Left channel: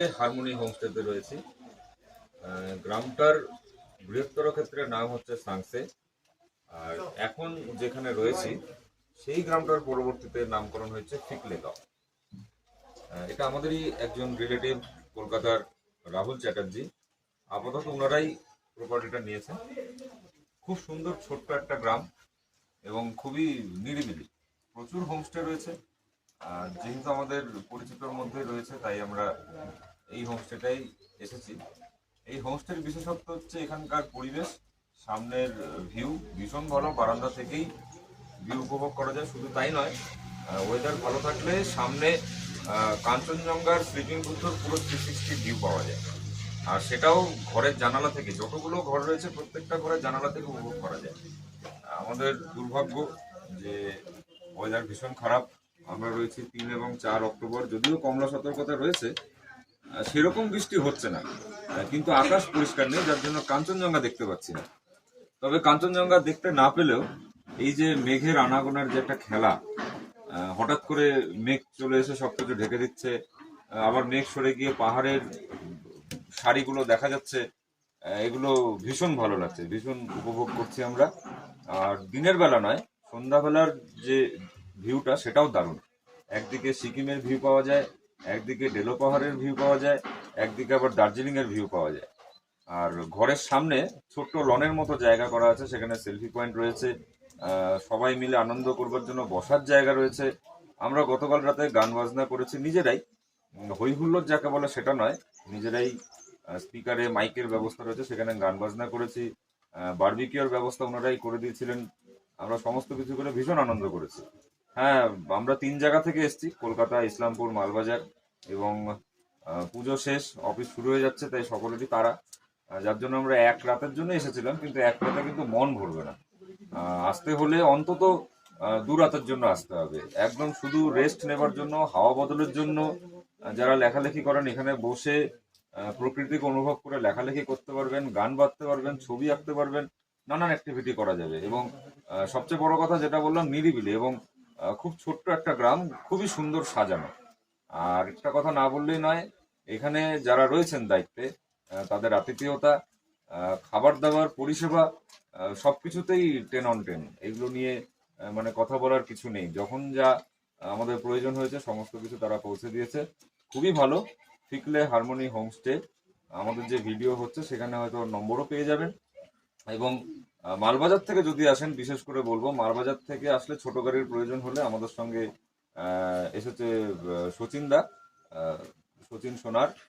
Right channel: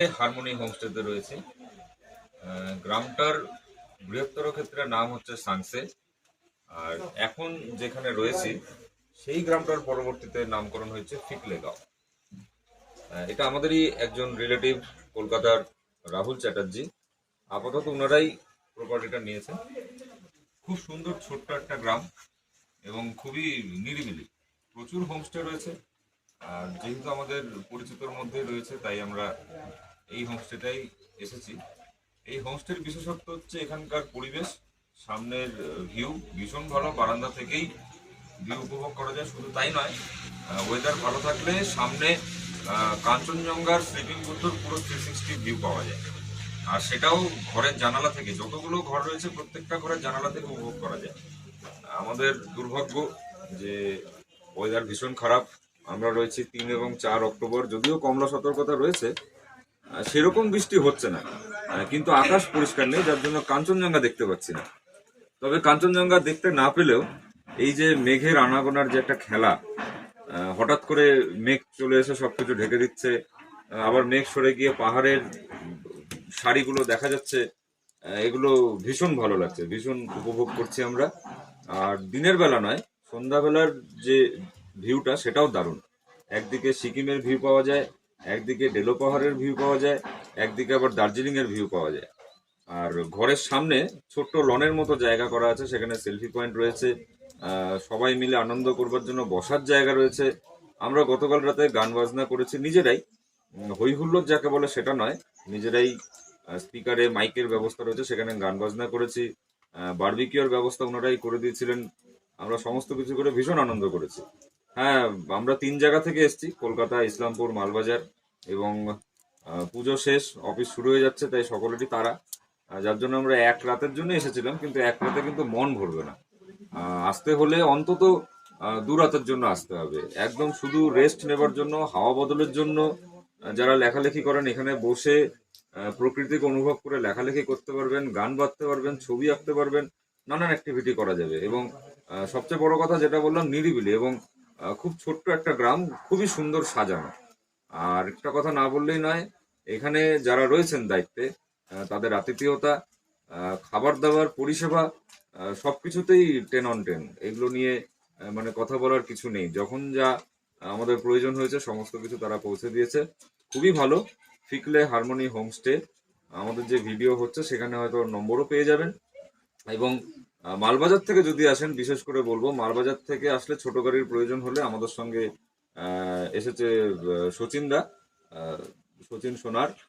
Harmony হোমস্টেতে রয়েছে। গ্রামটার বৃহত্তর ক্ষেত্রে নাম হচ্ছে সাংসে। আর এখন যেখানে রয়েছি সেই গ্রামটার পরবর্তীতে নামকরণ হয়েছে ফিকলেগাঁও। এটা আমাদেরই একজন রিলেটিভ, কলকাতার রাহুল চ্যাটার্জি। আপাতত ওনারাই প্রপার্টিটা নিয়েছেন। খুব সুন্দর ছোট্ট একটা গ্রাম এবং খুবই নিরিবিলি। প্রচুর হোমস্টে রয়েছে। আর যেহেতু আমাদের পরিচিতর মধ্যে রয়েছে, তাই আমরা এই হোমস্টেটাই এসেছি। এই হোমস্টের বিশেষত্ব হচ্ছে এখানকার পরিবেশ। সামনের ভিউ ভীষণ ভালো, বারান্দা থেকেই ভিউ উপভোগ করা যায়। শুধু তাই নয়, ওয়েদার ভালো থাকলে সামনে কাঞ্চনজঙ্ঘার স্লিপিং বুদ্ধর পুরো 360 ভিউ পাওয়া যায়। আর সেটাও ঘরের জানালা থেকে, যতগুলো ঘর রয়েছে প্রত্যেকটা ঘরের জানালা থেকে উপভোগ করা যায়। আমাদের দুর্ভাগ্য যে ওয়েদার ভীষণ খারাপ। আমরা রয়েছি 3 এবং 4 অক্টোবর, যদিও কমলা সতর্কতা রয়েছে, সেরকম বৃষ্টি হচ্ছে না। কিন্তু আকাশ পরিষ্কার নেই, যার জন্য কাঞ্চনজঙ্ঘা দেখতে পাচ্ছি না। তবে কাঞ্চনজঙ্ঘা দেখতে না পেলেও এই যে মেঘের আনাগোনার যে একটা খেলা, হঠাৎ করে মেঘ চলে এসে সবকিছু ঢেকে দিচ্ছে, আবার মেঘ সরে গিয়ে পাহাড়ের সারিগুলো দেখা যাচ্ছে, এগুলো ভীষণ ভালো লাগছে, ভীষণ উপভোগ করছি আমরা। আর দিনের বেলা নয়, সন্ধ্যাবেলার যে ভিউটা সেটাও দারুণ। একদিকে সিকিমের ভিউ পাওয়া যায়, একদিকে ডেলো পাহাড়ের ভিউ পাওয়া যায়, একদিকে আবার দার্জিলিং এর ভিউ পাওয়া যায়। আর ঘরের সামনে ছোট্ট লনের মতো জায়গা করা আছে, সেখানে সেলফি পয়েন্ট রয়েছে। সবাই মিলে আনন্দ করবার জন্য বসার জায়গা রয়েছে। আমরা গতকাল রাতে গান বাজনা করেছি নিজেরাই। হই হুল্লোড় যাকে বলে সেটা নয়, নিজেরাই স্পিকারে মাইকের ব্যবস্থা রয়েছে, সেখানে গান বাজনা করেছি। বারবিকিউর ব্যবস্থা ওনারাই করে দিয়েছিলেন। আমরা সমস্ত কিছু করে ভীষণ আনন্দ করেছি। হ্যাঁ, আমরা 3 জায়গা থেকে এসেছি, কলকাতা, ইসলামপুর, মালবাজার। এবং পুজো শেষ, অফিস শুরু হয়ে যাচ্ছে, তাই সকলেরই তাড়া। যার জন্য আমরা এক রাতের জন্য এসেছিলাম, কিন্তু এক রাতে কিন্তু মন ভরবে না। আসতে হলে অন্তত 2 রাতের জন্য আসতে হবে, একদম শুধু রেস্ট নেবার জন্য, হাওয়া বদলের জন্য। যারা লেখালেখি করেন এখানে বসে প্রকৃতিকে অনুভব করে লেখালেখি করতে পারবেন, গান বাজতে পারবেন, ছবি আঁকতে পারবেন, নানান অ্যাক্টিভিটি করা যাবে। এবং সবচেয়ে বড় কথা যেটা বললাম, নিরিবিলি এবং খুব ছোট্ট একটা গ্রাম, খুবই সুন্দর সাজানো। আর একটা কথা না বললেই নয়, এখানে যারা রয়েছেন দায়িত্বে, তাদের আতিথেয়তা, খাবার দাবার, পরিষেবা, সবকিছুতেই 10 on 10। এগুলো নিয়ে মানে কথা বলার কিছু নেই। যখন যা আমাদের প্রয়োজন হয়েছে সমস্ত কিছু তারা পৌঁছে দিয়েছে। খুবই ভালো। ফিকলে হারমোনি হোমস্টে, আমাদের যে ভিডিও হচ্ছে সেখানে হয়তো নম্বরও পেয়ে যাবেন। এবং মালবাজার থেকে যদি আসেন, বিশেষ করে বলবো মালবাজার থেকে আসলে ছোট গাড়ির প্রয়োজন হলে আমাদের সঙ্গে এসেছে সচিন দা, সচিন সোনার।